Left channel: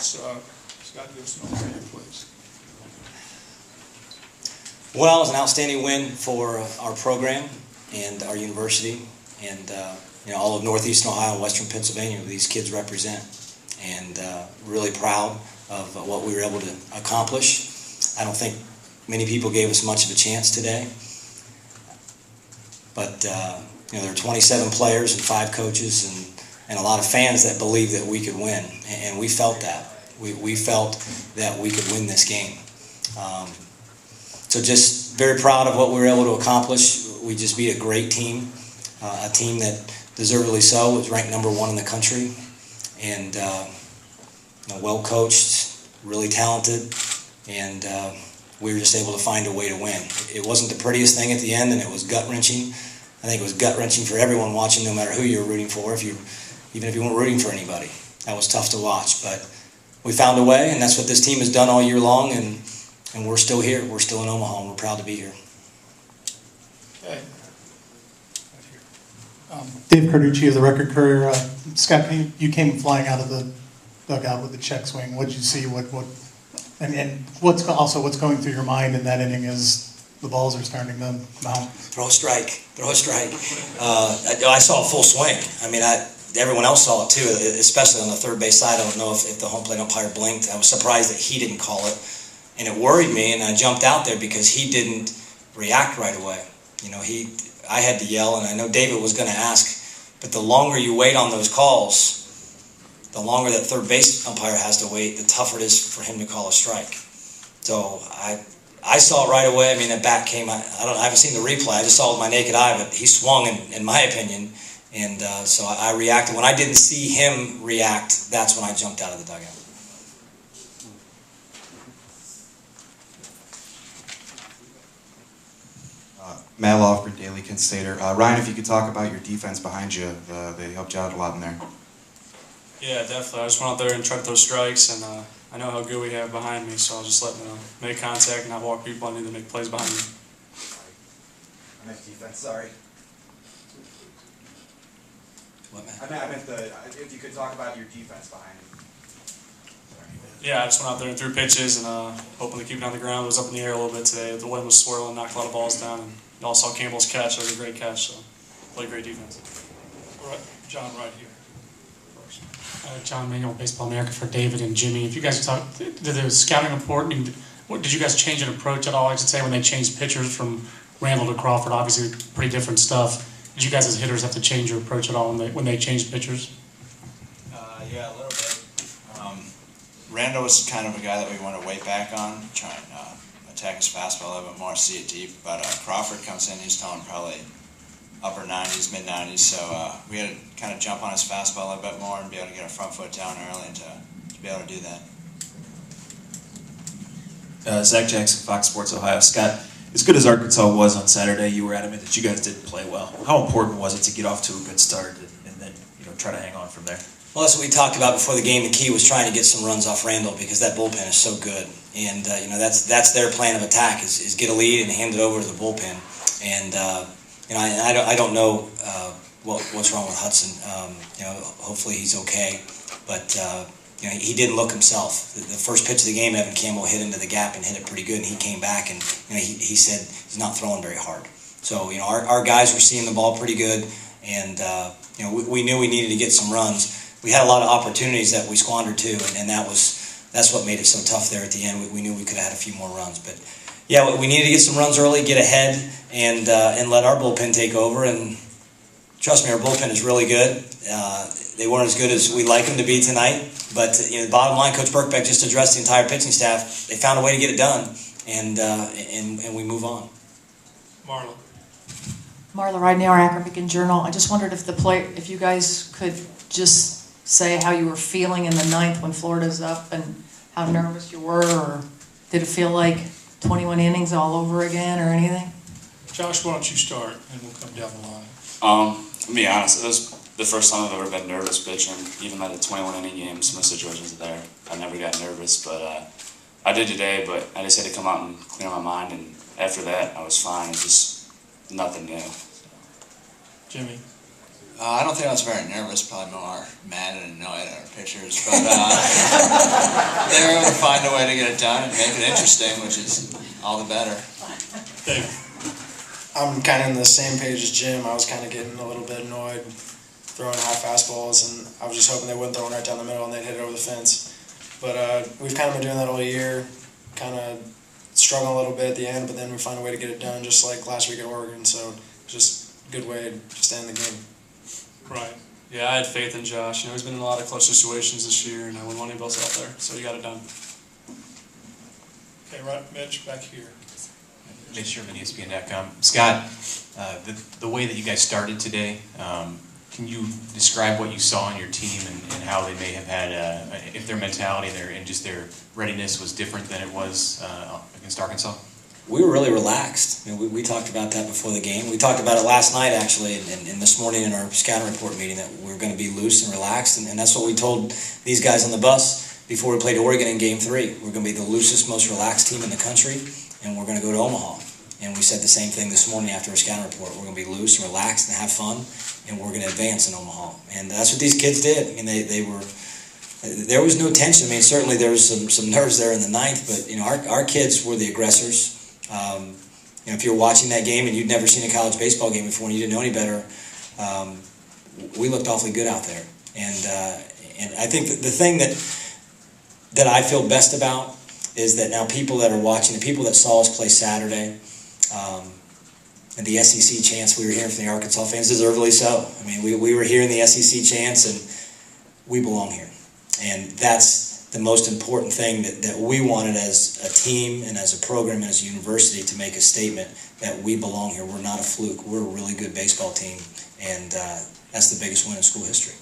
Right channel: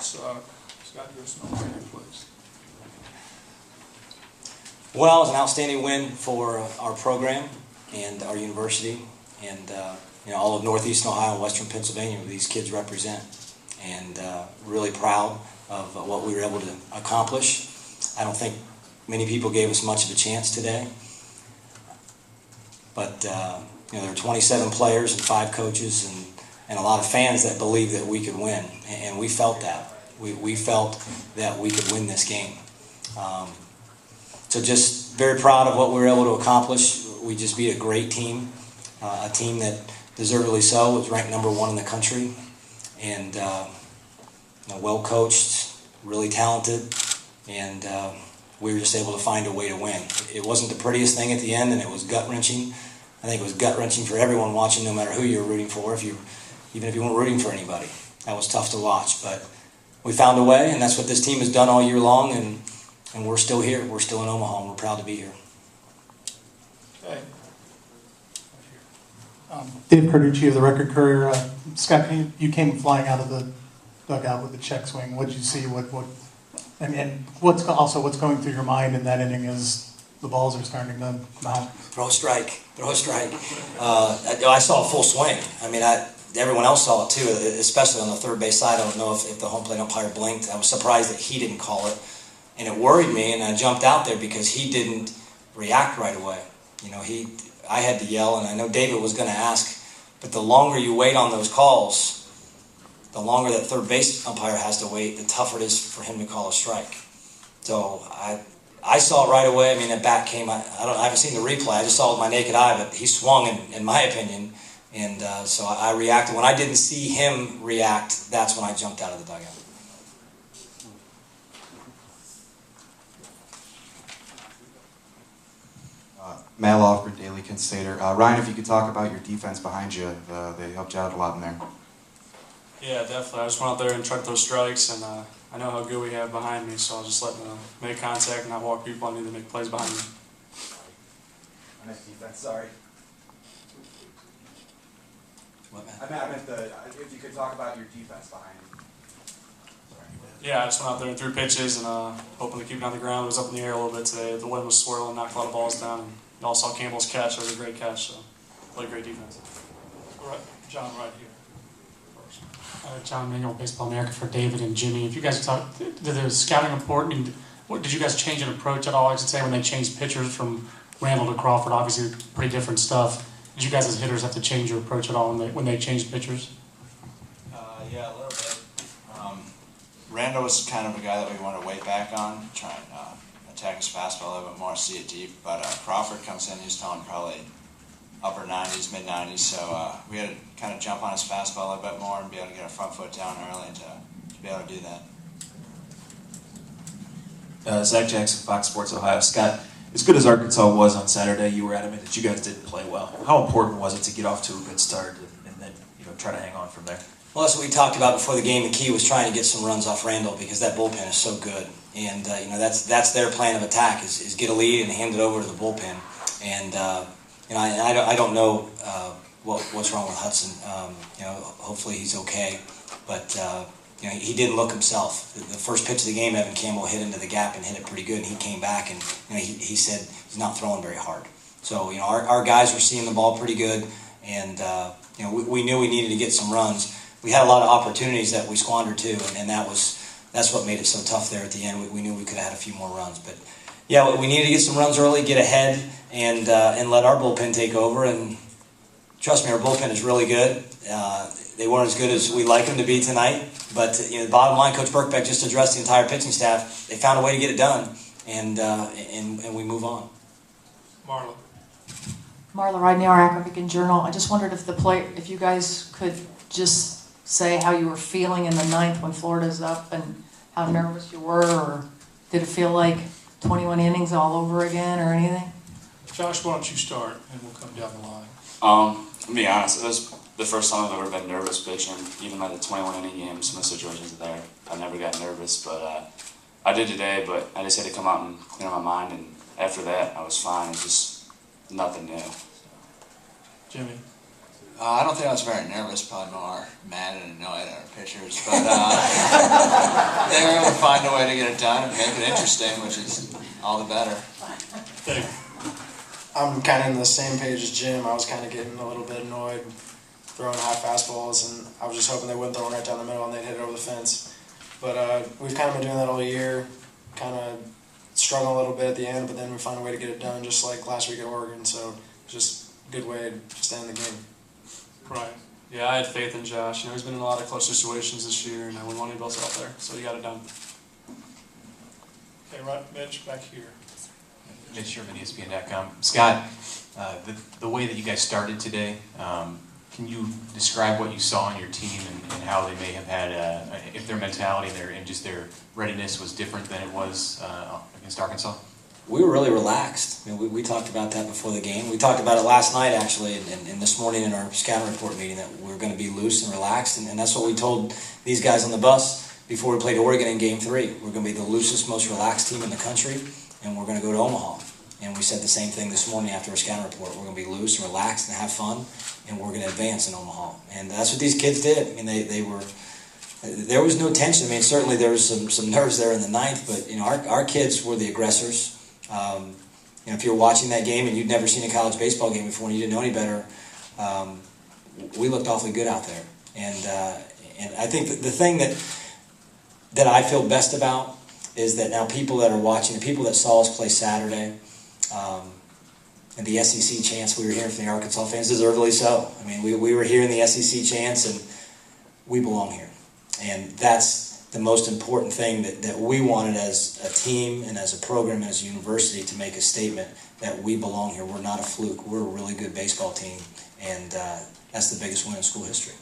Scott, give us an overview, please. Well, it was an outstanding win for our program and our university and all of Northeastern Ohio and Western Pennsylvania these kids represent. And really proud of what we were able to accomplish. I don't think many people gave us much of a chance today. But there are 27 players and 5 coaches and a lot of fans that believed that we could win. And we felt that. We felt that we could win this game. So just very proud of what we were able to accomplish. We just beat a great team, a team that deservedly so was ranked number 1 in the country, and well coached, really talented, and we were just able to find a way to win. It wasn't the prettiest thing at the end, and it was gut-wrenching. I think it was gut-wrenching for everyone watching, no matter who you were rooting for, even if you weren't rooting for anybody. That was tough to watch, but we found a way, and that's what this team has done all year long, and we're still here. We're still in Omaha, and we're proud to be here. Okay. Dave Carducci of the Record Courier. Scott, you came flying out of the dugout with the check swing. What did you see? And what's going through your mind in that inning as the balls are starting to come out? Throw a strike. I saw a full swing. I mean, everyone else saw it too, especially on the third base side. I don't know if the home plate umpire blinked. I was surprised that he didn't call it, and it worried me. And I jumped out there because he didn't react right away. I had to yell, and I know David was going to ask, but the longer you wait on those calls, the longer that third base umpire has to wait, the tougher it is for him to call a strike. So I saw it right away. I mean, that bat came. I haven't seen the replay. I just saw it with my naked eye, but he swung, in my opinion, and so I reacted. When I didn't see him react, that's when I jumped out of the dugout. Matt Lofgren, Daily Constater. Ryan, if you could talk about your defense behind you, they helped you out a lot in there. Yeah, definitely. I just went out there and tried to throw strikes, and I know how good we have behind me, so I'll just let them make contact and not walk people. I need to make plays behind me. Nice defense, sorry. What, Matt? I meant if you could talk about your defense behind you. Yeah, I just went out there and threw pitches and hoping to keep it on the ground. It was up in the air a little bit today. The wind was swirling, knocked a lot of balls down, and you all saw Campbell's catch. It was a great catch, so played great defense. All right, John, right here. First. John Manuel, Baseball America for David and Jimmy. If you guys talk, did the scouting report, did you guys change an approach at all? I should say when they changed pitchers from Randall to Crawford, obviously pretty different stuff. Did you guys as hitters have to change your approach at all when they changed pitchers? Yeah, a little bit. Randall was kind of a guy that we want to wait back on, try and attack his fastball a little bit more, see it deep. But Crawford comes in, he's throwing probably upper 90s, mid 90s, so we had to kind of jump on his fastball a little bit more and be able to get our front foot down early to be able to do that. Zach Jackson, Fox Sports Ohio. Scott, as good as Arkansas was on Saturday, you were adamant that you guys didn't play well. How important was it to get off to a good start and then try to hang on from there? Well, that's what we talked about before the game. The key was trying to get some runs off Randall because that bullpen is so good, and that's their plan of attack is get a lead and hand it over to the bullpen. And I don't know what's wrong with Hudson. Hopefully he's okay, but he didn't look himself. The first pitch of the game, Evan Campbell hit into the gap and hit it pretty good, and he came back and he said he's not throwing very hard. So our guys were seeing the ball pretty good, and we knew we needed to get some runs. We had a lot of opportunities that we squandered too, and that's what made it so tough there at the end. We knew we could have had a few more runs, but yeah, we needed to get some runs early, get ahead, and let our bullpen take over. And trust me, our bullpen is really good. They weren't as good as we'd like them to be tonight, but the bottom line, Coach Birkbeck just addressed the entire pitching staff. They found a way to get it done, and we move on. Marla. Marla Ridenour, Akron Beacon Journal. I just wondered if you guys could just say how you were feeling in the ninth when Florida's up and how nervous you were, or did it feel like 21 innings all over again or anything? Josh, why don't you start, and we'll come down the line. To be honest, it was the first time I've ever been nervous pitching, even like the 21 inning games, some situations there. I never got nervous, but I did today, but I just had to come out and clear my mind, and after that, I was fine. It's just nothing new. Jimmy. I don't think I was very nervous, probably more mad and annoyed at our pitchers, but they were able to find a way to get it done and make it interesting, which is all the better. Dave. I'm kind of in the same page as Jim. I was kind of getting a little bit annoyed throwing high fastballs, and I was just hoping they wouldn't throw one right down the middle and they'd hit it over the fence. But we've kind of been doing that all year, kind of struggling a little bit at the end, but then we find a way to get it done, just like last week at Oregon. So it's just a good way to just end the game. Right. Yeah, I had faith in Josh. He's been in a lot of close situations this year, and we wanted both out there, so he got it done. Okay, right, Mitch, back here. Mitch Sherman, ESPN.com. Scott, the way that you guys started today, can you describe what you saw in your team and how they may have had, if their mentality and just their readiness was different than it was against Arkansas? We were really relaxed. We talked about that before the game. We talked about it last night, actually, and this morning in our scouting report meeting, that we were going to be loose and relaxed, and that's what we told these guys on the bus before we played Oregon in Game 3. We're going to be the loosest, most relaxed team in the country, and we're going to go to Omaha. And we said the same thing this morning after our scouting report. We're going to be loose and relaxed and have fun, and we're going to advance in Omaha. And that's what these kids did. They were. There was no tension. Certainly there was some nerves there in the ninth, but our kids were the aggressors. If you're watching that game and you'd never seen a college baseball game before and you didn't know any better, we looked awfully good out there. And I think the thing that I feel best about is that now people that are watching, the people that saw us play Saturday, and the SEC chants we were hearing from the Arkansas fans, deservedly so. We were hearing the SEC chants, and we belong here. And that's the most important thing that we wanted as a team and as a program and as a university, to make a statement that we belong here. We're not a fluke. We're a really good baseball team, and that's the biggest win in school history.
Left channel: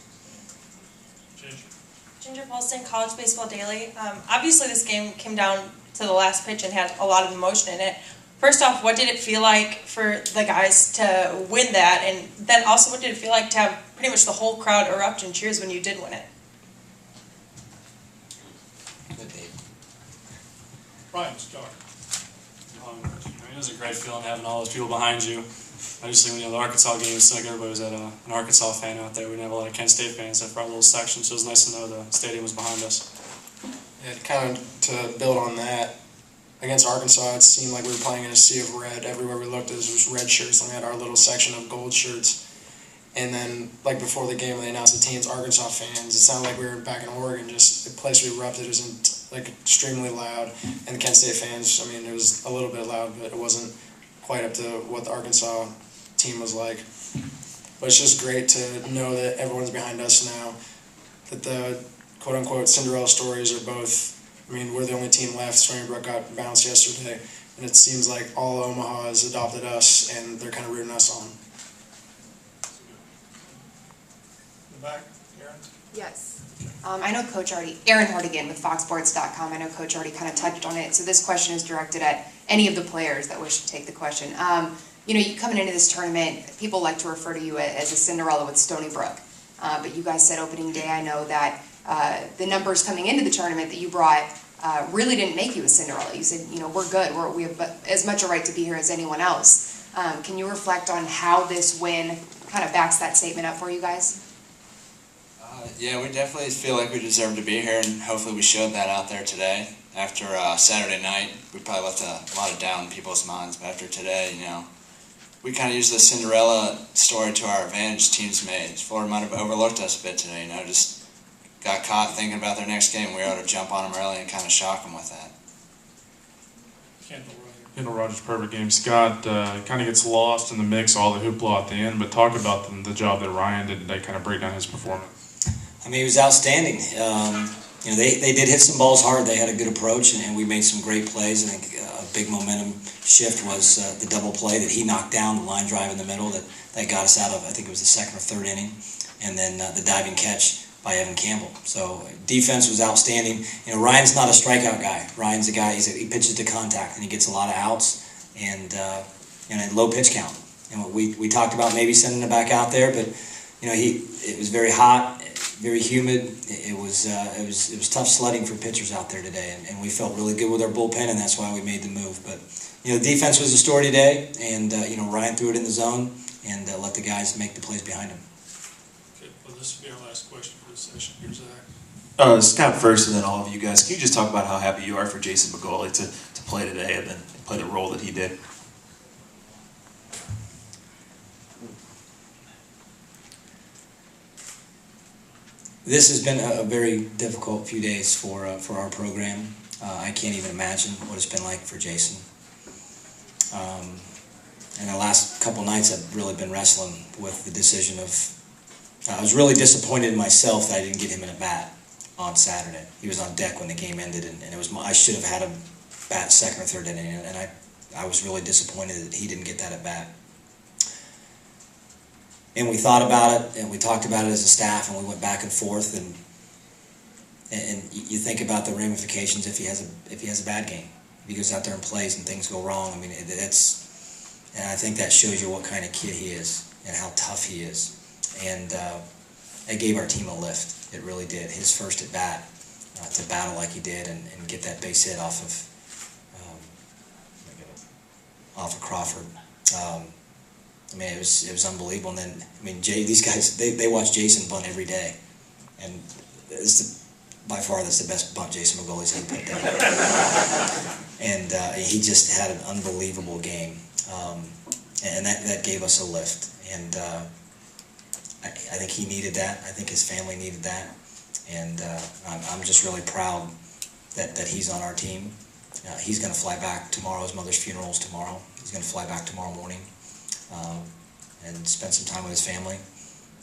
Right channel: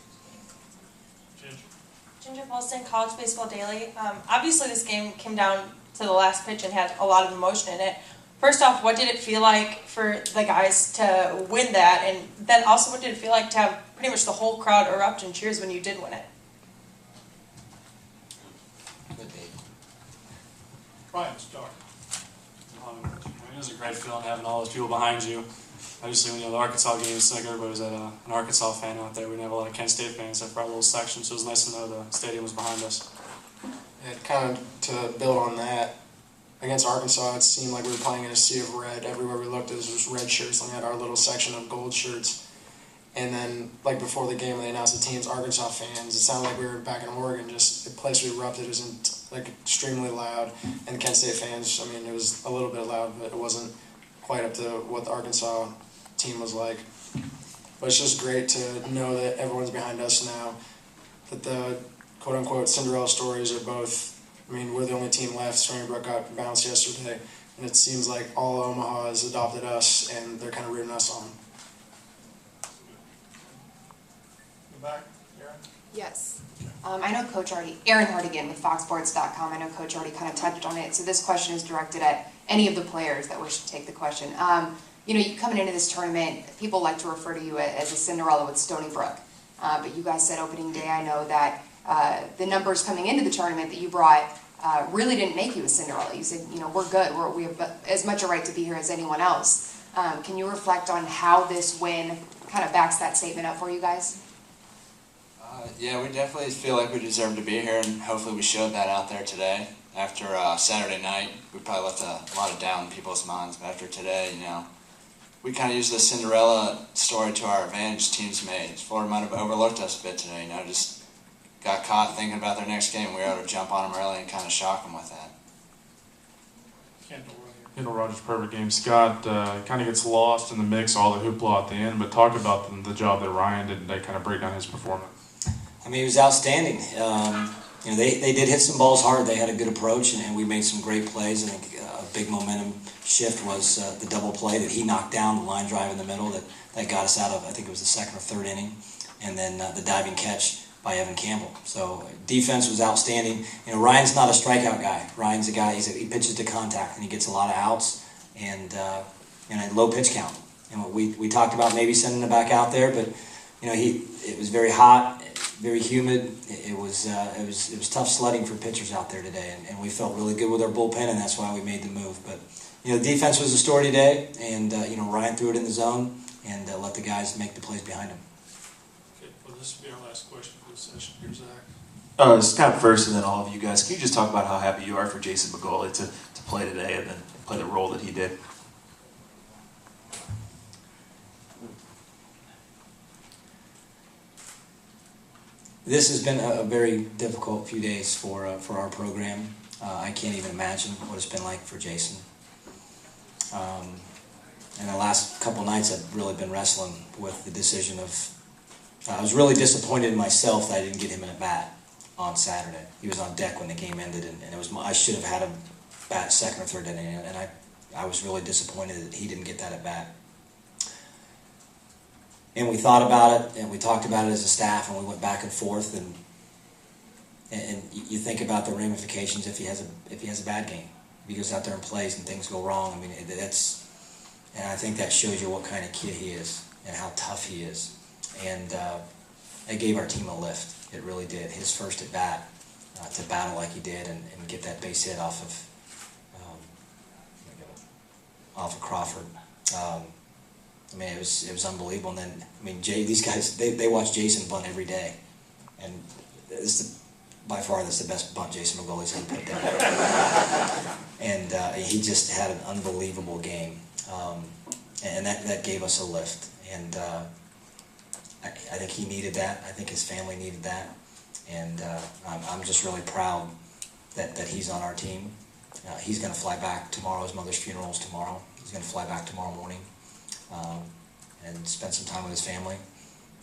Ginger Paulson, College Baseball Daily. Obviously this game came down to the last pitch and had a lot of emotion in it. First off, what did it feel like for the guys to win that? And then also, what did it feel like to have pretty much the whole crowd erupt in cheers when you did win it? Ryan, start. It was a great feeling having all those people behind you. Obviously, the Arkansas game, it's like everybody was at an Arkansas fan out there. We didn't have a lot of Kent State fans except for our little section, so it was nice to know the stadium was behind us. And kind of to build on that, against Arkansas, it seemed like we were playing in a sea of red. Everywhere we looked, it was just red shirts, and we had our little section of gold shirts. And then, like before the game, when they announced the teams, Arkansas fans, it sounded like we were back in Oregon. Just the place we erupted was extremely loud. And the Kent State fans, it was a little bit loud, but it wasn't quite up to what the Arkansas team was like. But it's just great to know that everyone's behind us now. That the quote-unquote Cinderella stories are both. We're the only team left. Stony Brook got bounced yesterday, and it seems like all Omaha has adopted us, and they're kind of rooting us on. The back, Aaron. Yes. I know Coach Aaron Hardigan with FoxSports.com. I know Coach already kind of touched on it. So this question is directed at any of the players that wish to take the question. You coming into this tournament, people like to refer to you as a Cinderella with Stony Brook. But you guys said opening day, I know that the numbers coming into the tournament that you brought really didn't make you a Cinderella. You said, we're good. We have as much a right to be here as anyone else. Can you reflect on how this win kind of backs that statement up for you guys? Yeah, we definitely feel like we deserve to be here, and hopefully we showed that out there today. After Saturday night, we probably left a lot of doubt in people's minds, but after today, we kind of used the Cinderella story to our advantage. Teams made. Florida might have overlooked us a bit today, just got caught thinking about their next game. We were able to jump on them early and kind of shock them with that. Kendall Rogers, perfect game. Scott kind of gets lost in the mix, all the hoopla at the end, but talk about the job that Ryan did today, kind of break down his performance. He was outstanding. They did hit some balls hard. They had a good approach, and we made some great plays. I think a big momentum shift was the double play that he knocked down, the line drive in the middle that got us out of, I think it was the second or third inning, and then the diving catch by Evan Campbell. So defense was outstanding. Ryan's not a strikeout guy. Ryan's a guy, he pitches to contact, and he gets a lot of outs and a low pitch count. We talked about maybe sending it back out there, but it was very hot, very humid. It was tough sledding for pitchers out there today, and we felt really good with our bullpen, and that's why we made the move. But defense was the story today, and Ryan threw it in the zone and let the guys make the plays behind him. this will be our last question for this session. Here's Zach. Scott first, and then all of you guys. Can you just talk about how happy you are for Jason McGoley to play today and then play the role that he did? This has been a very difficult few days for our program. I can't even imagine what it's been like for Jason. And the last couple nights I've really been wrestling with the decision of, I was really disappointed in myself that I didn't get him in a bat on Saturday. He was on deck when the game ended, and it was I should have had him bat second or third inning, and I was really disappointed that he didn't get that at bat. And we thought about it, and we talked about it as a staff, and we went back and forth, and you think about the ramifications if he has a bad game, if he goes out there and plays and things go wrong. I mean, and I think that shows you what kind of kid he is and how tough he is. And it gave our team a lift. It really did. His first at bat to battle like he did and get that base hit off of Crawford. I mean, it was unbelievable. And then, I mean, these guys, they watch Jason bunt every day, and by far that's the best bunt Jason McGoley's ever put down. And he just had an unbelievable game, and that gave us a lift. And I think he needed that. I think his family needed that, and I'm just really proud that he's on our team. He's going to fly back tomorrow. His mother's funeral is tomorrow. He's going to fly back tomorrow morning and spend some time with his family,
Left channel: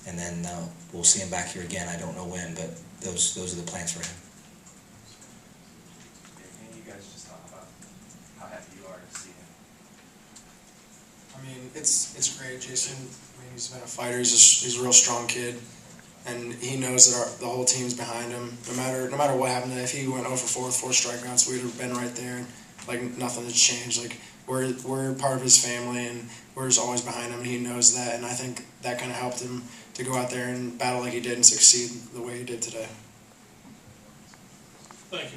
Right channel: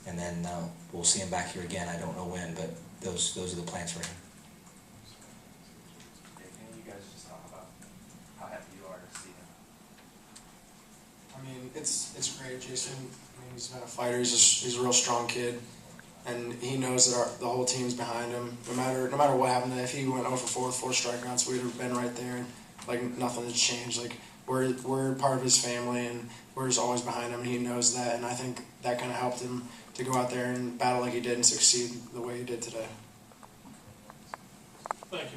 and then we'll see him back here again. I don't know when, but those are the plans for him. Can you guys just talk about how happy you are to see him? I mean, it's great. Jason, I mean, he's been a fighter. He's a real strong kid, and he knows that the whole team's behind him. No matter what happened, if he went 0 for 4 with 4 strikeouts, we'd have been right there, and like nothing has changed. Like we're part of his family, and we're just always behind him, and he knows that. And I think that kind of helped him to go out there and battle like he did and succeed the way he did today. Thank you.